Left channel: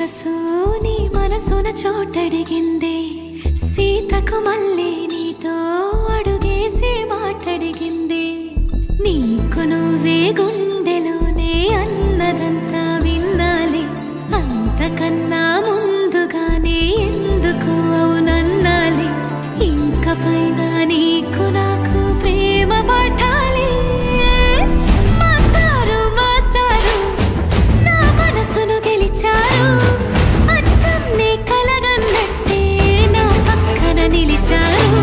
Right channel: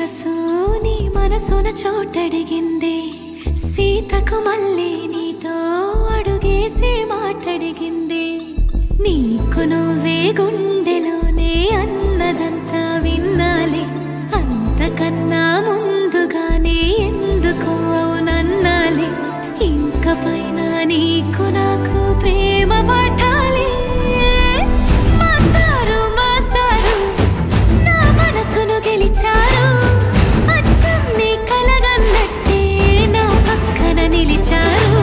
మనసు నీ మనసున చోటడిగిందే సీతకు మళ్ళీ నీతో అడుగేసి మాటడిగిందే నీకు నువ్వే గుండెలోనే అన్నదంతా విన్నాలే అంతకన్నా ముందుగానే ఎందుకు అవునన్నాలే ఇంక పైన నీకు నాకు ప్రేమ పాఠాలే మాస్టారు మాస్టారు నా మనసును గెలిచారు అచ్చం నీ కలగన్నట్టే నా పక్కన నిలిచారు